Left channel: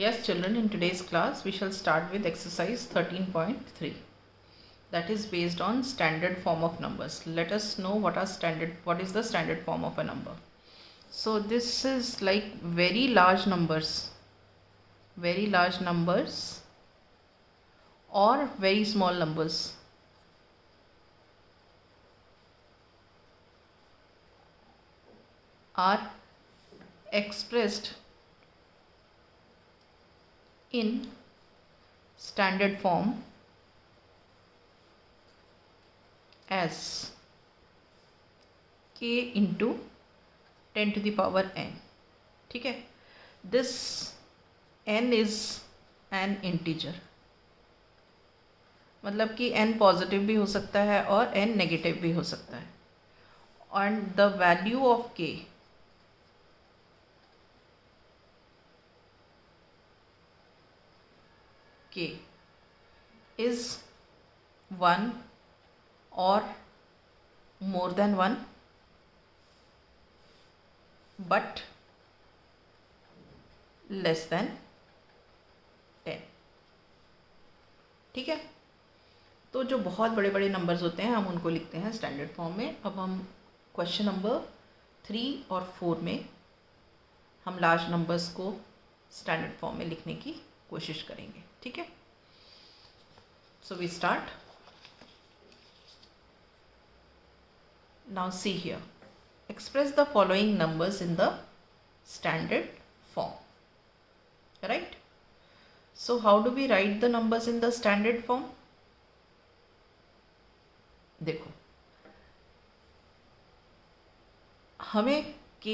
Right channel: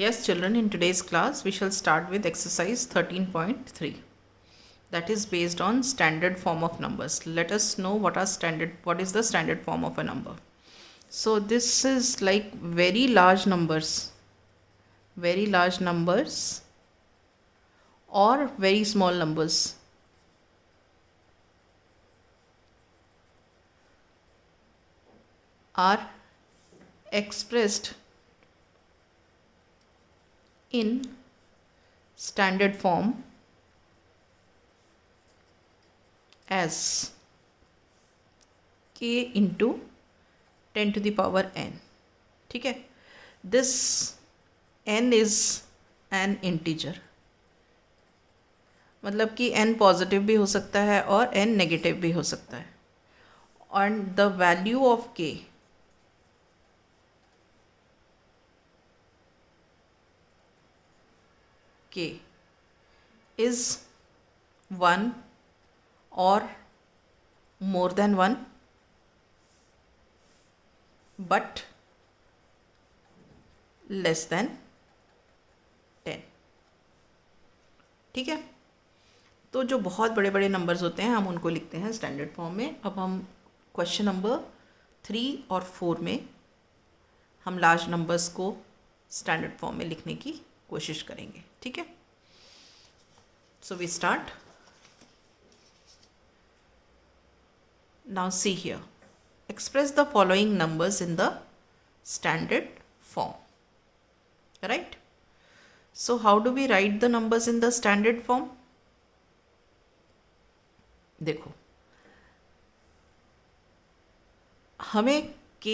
Yes, children, in today's class, we shall start with exercise 13.3. That is based on standard form of numbers. Let us know what is the standard form of a number. So this is like very large numbers or very small numbers. Are expressed in standard form as k into 10 to the power n. ठीक है, this n is an integer, मतलब कि n positive भी हो सकता है और n negative भी हो सकता है. And the value of k is 1 or more than 1 but less than 10. ठीक है, तो जो बहुत बड़े बड़े नंबर्स होते हैं हम उनको लिखते हैं स्टैंडर्ड फॉर्म में. अब हम क्वेश्चन नंबर 3 और 4 में हम लार्ज नंबर्स को स्टैंडर्ड फॉर्म में लिखने की कोशिश करेंगे. ठीक है, so we start. Now see here, express the following numbers in the standard form. Right? So how do we write the numbers in the standard form? देखो, हमें k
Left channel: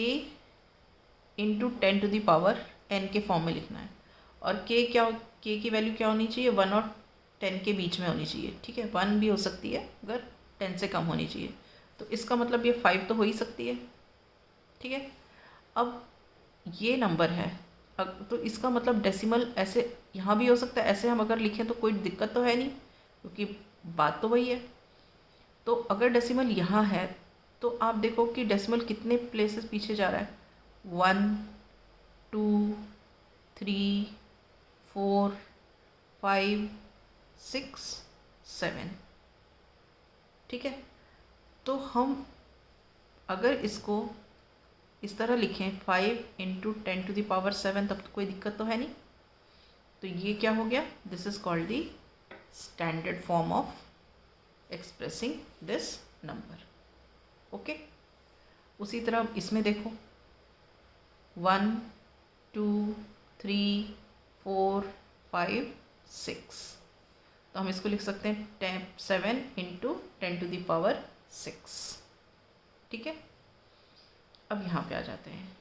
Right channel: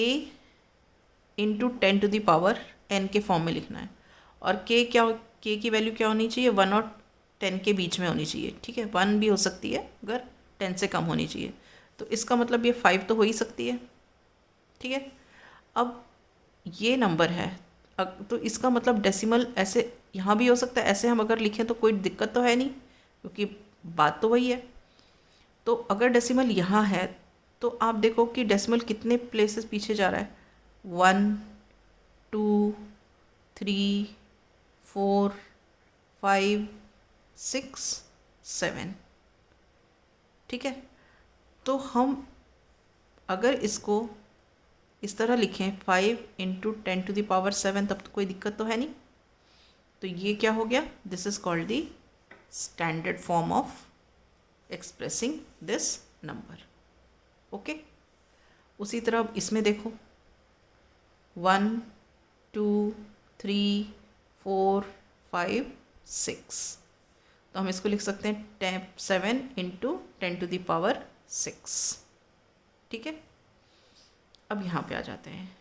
into 10 to the power n के form में लिखना है और k की value क्या होनी चाहिए? 1 और 10 के बीच में होनी चाहिए. ठीक है, 1 भी हो सकती है अगर 10 से कम होनी चाहिए. तो इसका मतलब ये 5 तो हो ही सकती है. ठीक है, अब ये नंबर है तो इसका मतलब डेसिमल ऐसे यहाँ भी हो सकता है. ऐसे हम अगर लिखें तो कोई दिक्कत तो है नहीं क्योंकि बात तो वही है. तो अगर डेसिमल यहाँ है तो आप देखो कि डेसिमल कितने प्लेसेस पीछे जा रहा है. 1 2 3 4 5 6 7. ठीक है, तो हम अगर इसको इस तरह लिखें 5 इंटू 10 टू द पावर 7 तब तो कोई दिक्कत तो है नहीं. तो ये क्या हो गया? This is called the standard form of expressing this number. Okay, उसी तरह इसमें देखो 1 2 3 4 5 6. तो हम इसको लिख सकते हैं 7 इंटू 10 टू द पावर 6. ठीक है, अब यहाँ पे आ जाते हैं.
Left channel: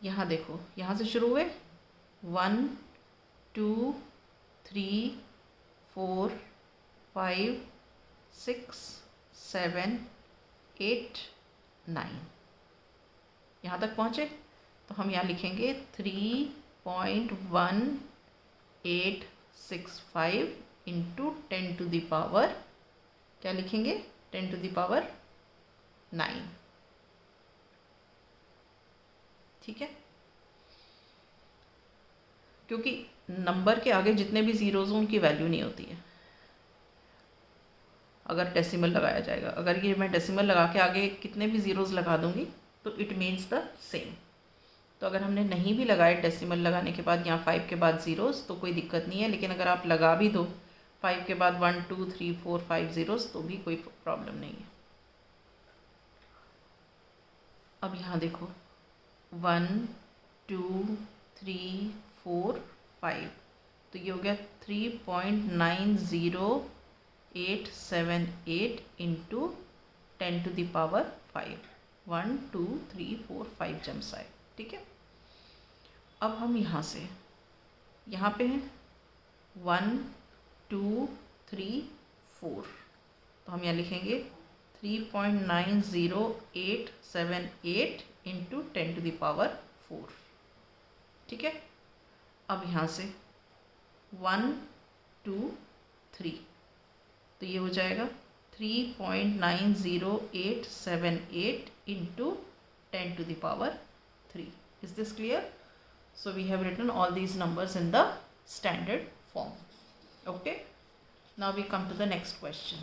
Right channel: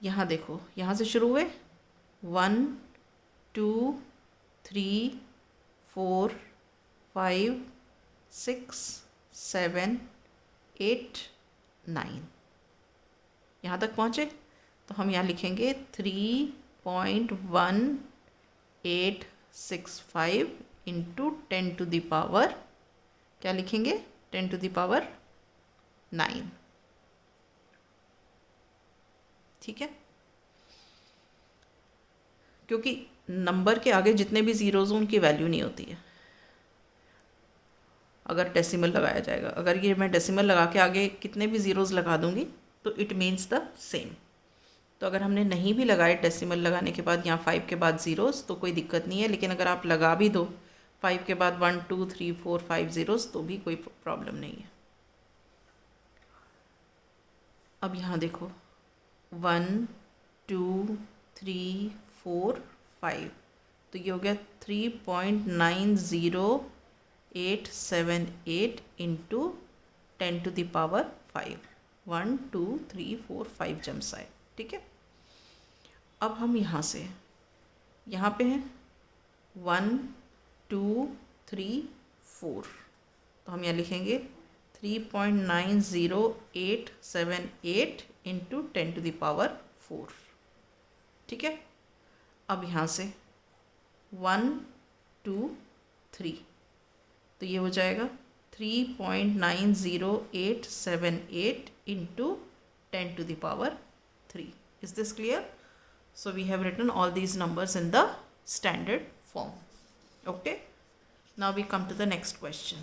यहाँ देखो, यहाँ से शुरू हुए 1 2 3 4 5 6 7 8 9. यहाँ तक पहुँचे तो हम यहाँ लिखेंगे 3.1865 इंटू 10 टू द पावर, क्या लिखेंगे? 10 टू द पावर 9. ठीक है, क्योंकि नंबर के आगे जितने भी ज़ीरोज़ उनकी वैल्यू नहीं होती है अगर डेसिमल लगाया जाएगा. अगर ये मैं डेसिमल लगा के आगे कितने भी ज़ीरोज़ लगा दूंगी तो इट मीन्स द सेम. तो अगर हमने नहीं भी लगाए डेसिमल लगाने के बाद यहाँ 5 के बाद ज़ीरोज़ तो कोई दिक्कत नहीं है. लेकिन अगर आप लगा भी दो 5 के बाद 1 2 3 4 5 ज़ीरोज़ तो भी कोई प्रॉब्लम नहीं है. अब यहाँ देखो 1 2 3 4 5, तो ये हो गया 3.90878 into 10 to the power 5. 1 2 3 4 5 jumps आए. ठीक है, अब हम यहाँ से यहाँ पे हैं 1 2 3 4, तो हम यहाँ लिखेंगे 3.90878 इंटू 10 टू द पावर 4. ठीक है, अब यहाँ से 1 2 3, तो ये हो जाएगा 3.90878 into 10 to the power 3. Is this clear? So we have written all these numbers in the standard form. Okay, now we come to the next question.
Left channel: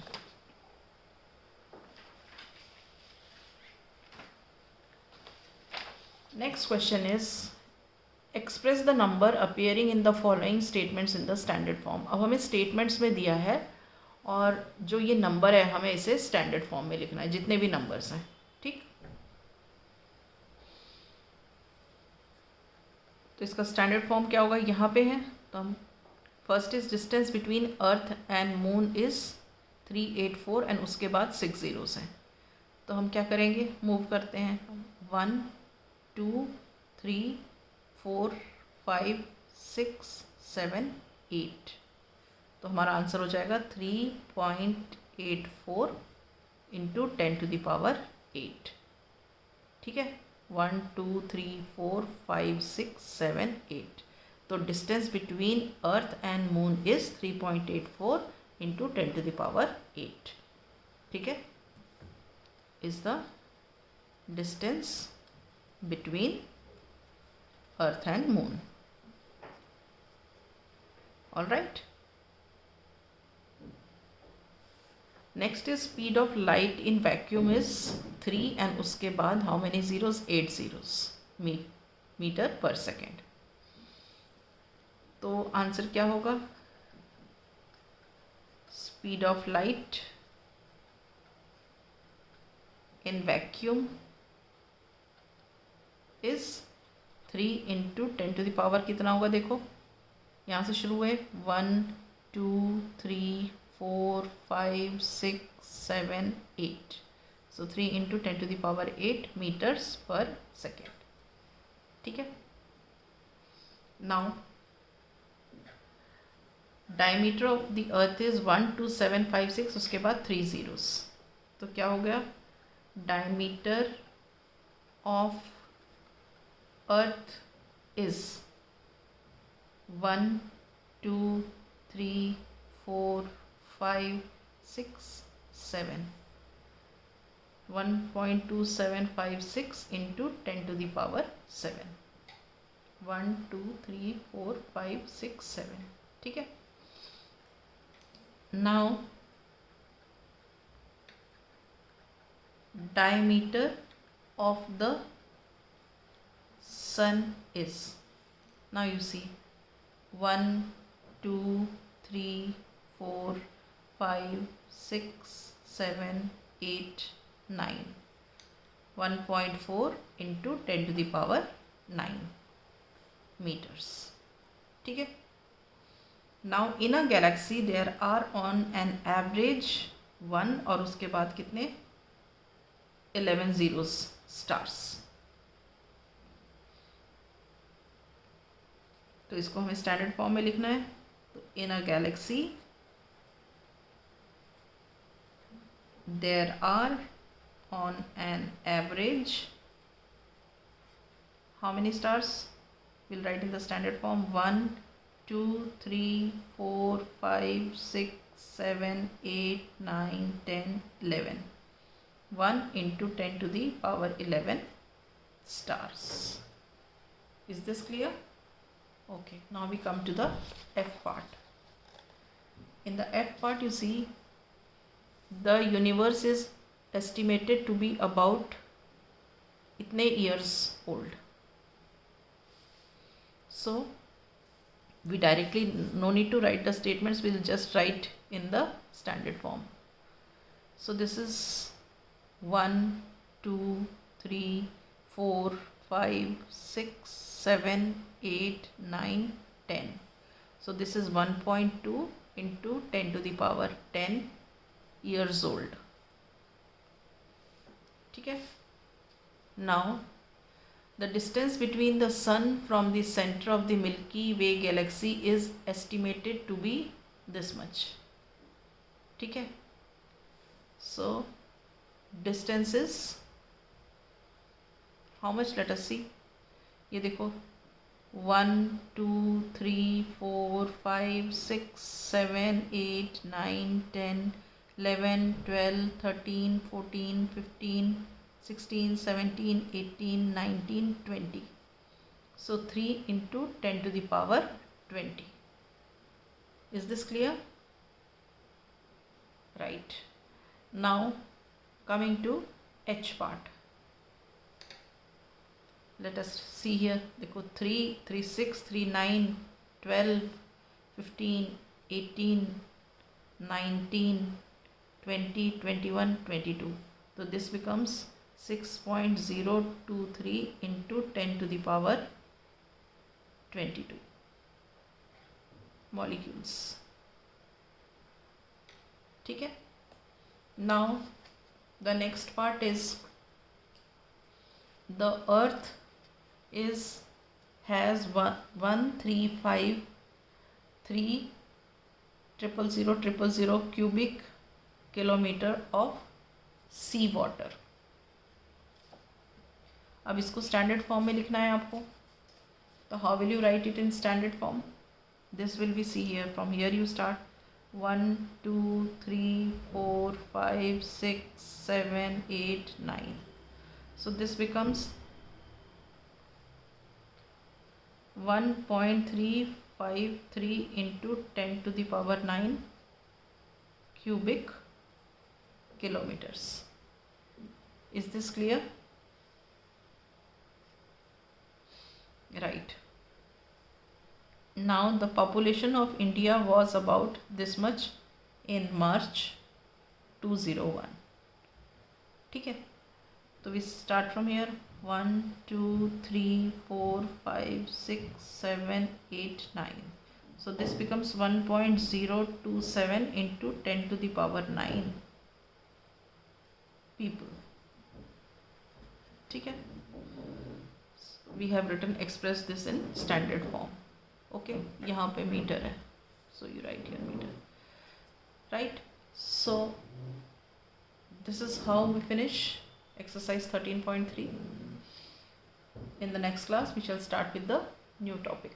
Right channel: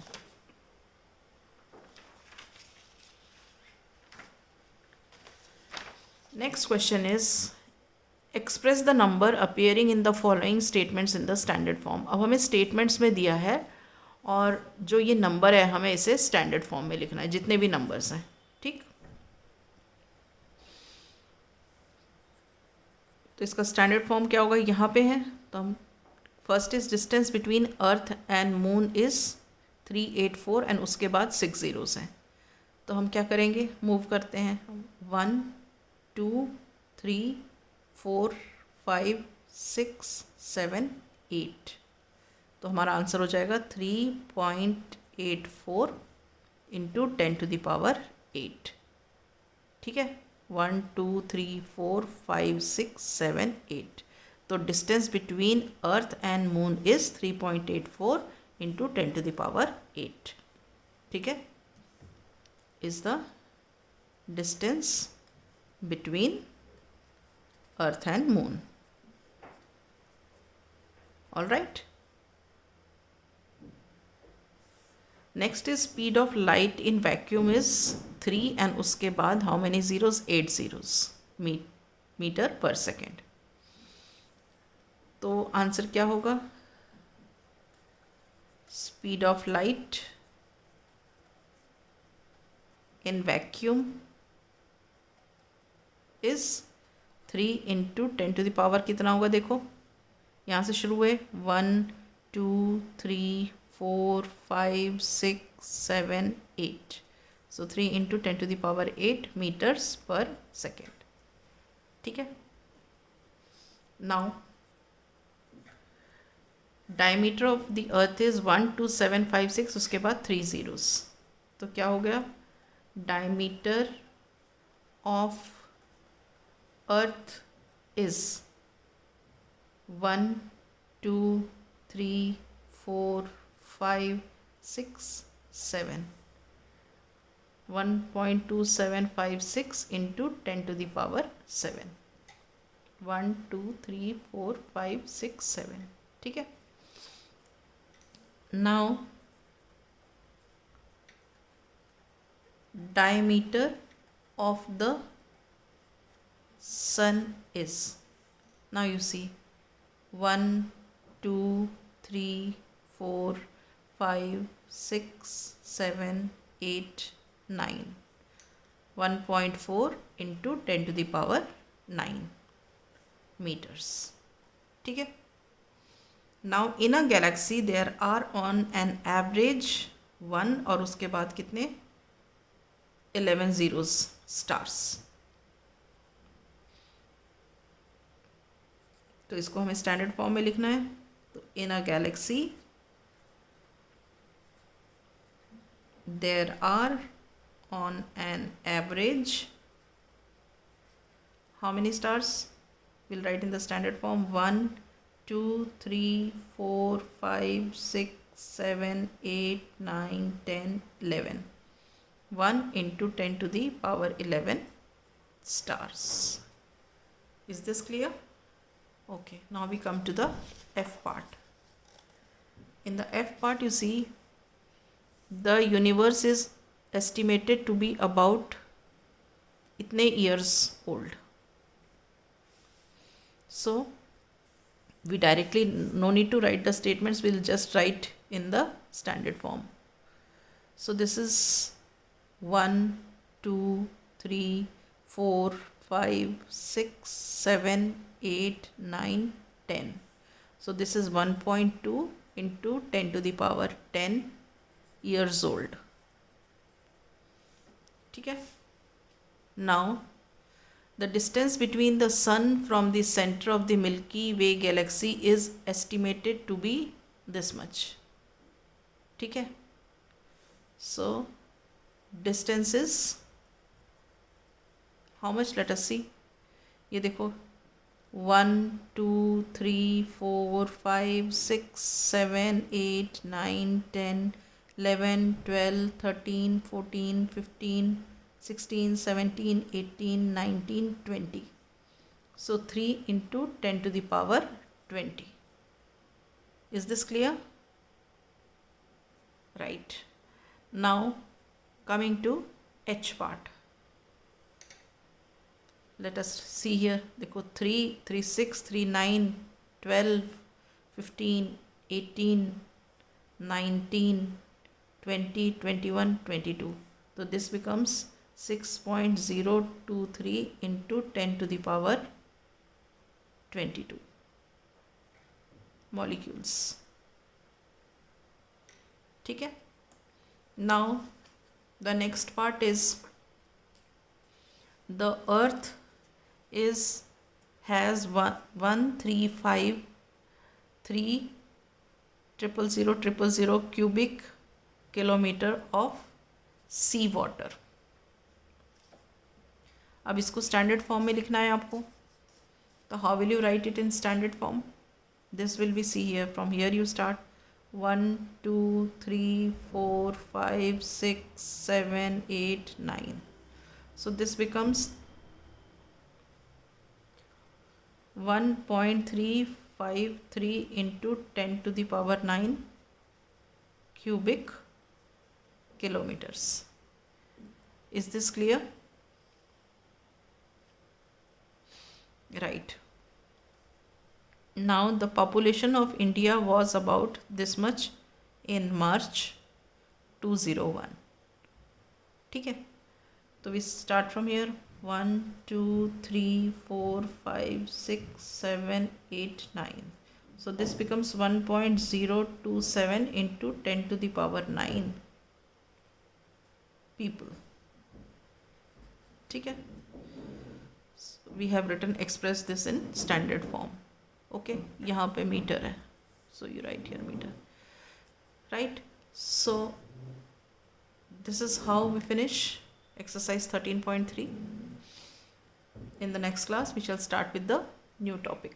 Next question is express the number appearing in the following statements in the standard form. अब हमें statements में दिया है और जो ये number है हमें इसे स्टैंडर्ड फॉर्म में लिखना है, जितने भी नंबर्स हैं. ठीक, तो इसका स्टैंडर्ड फॉर्म क्या होगा, यहाँ पे है. तो हम first is distance between earth and moon is 384 and उसके बाद 6 zeros हैं. तो हम क्या करेंगे, मूव करते हैं 1 2 3 4 5 6 7 8. तो हमारा आंसर हो जाएगा 3.84 इंटू 10⁸8. ठीक है, 1 2 3 4 5 6 7 8. तो distance between earth and moon is 3.84 into 10⁸8. ठीक है, is the distance between earth and moon. All right. Next is speed of light in vacuum is 3 and उसके बाद how many zeros, 8 zeros metre per second. तो answer क्या होगा, speed of light in vacuum is 3 into 10⁻, कितना होगा देखो, यहाँ से शुरू हुए 1 2 3 4 5 6 7 8. So 3 इंटू 10⁸8 मीटर्स पर सेकेंड. ठीक है, now diameter of the earth is 12756, उसके बाद 3 zeros. तो क्या हो गया, diameter of earth is 1 2 3 4 5 6 7. 1.2756 into 10⁻7. 1 2 3 4 5 6 7. ठीक है, now diameter of the sun is, now you see 1 2 3 4 5 6 7 8 9. 1.4 into 10⁹9 meters. ठीक है, now in a galaxy there are on an average 1 और उसके बाद कितने 11 zeros stars. तो इसको हमें स्टैंडर्ड फॉर्म में लिखना है. तो इन अ Galaxy there are on an average how many stars, we'll write in the standard form 1 2 3 4 5 6 7 8 9 10 11. 1 into 10⁻11 stars. Is this clear? Okay, now we come to the F part. In the F part you see the universe is estimated to be about itne years old. So we directly, no need to write the statements, we'll just write in the standard form. So this is 1 2 3 4 5 6 7 8 9 10. So this is 1.2 into 10⁻10 years old. ठीक है, now the distance between the sun from the center of the Milky Way galaxy is estimated to be this much. ठीक है, so distance is how much, let us see. ये देखो 1 2 3 4 5 6 7 8 9 10 11 12 13 14 15 16 17 18 19 20. So 3 into 10 to the power 20. Is this clear? Right. Now coming to H part. Let us see here. देखो 3, 3, 6, 3, 9, 12, 15, 18, 19, 20, 21, 22. So this becomes 6.023 into 10 to the power 22 molecules. ठीक है. Now the next part is the earth has 135,300,000 cubic kilometer of sea water. अब इसको standard form में लिखना है आपको. तो how will you write it in standard form? This will be see here. From here you start 1, 2, 3, 4, 5, 6, 7, 8, 9. So this becomes 1.353 into 10 to the power 9 cubic kilometers. Is this clear? Right. Now the population of India was about this much in March 2001. ठीक है. So we start from here. 1, 2, 3, 4, 5, 6, 7, 8, 9. So this becomes 1.027 into 10 to the power 9 people. ठीक है. We have written express this in standard form. Okay. यहाँ पे metre है. So you write here meter. Right. So this is how we finish exercise 13.3. In the next class, we shall start with the new topic.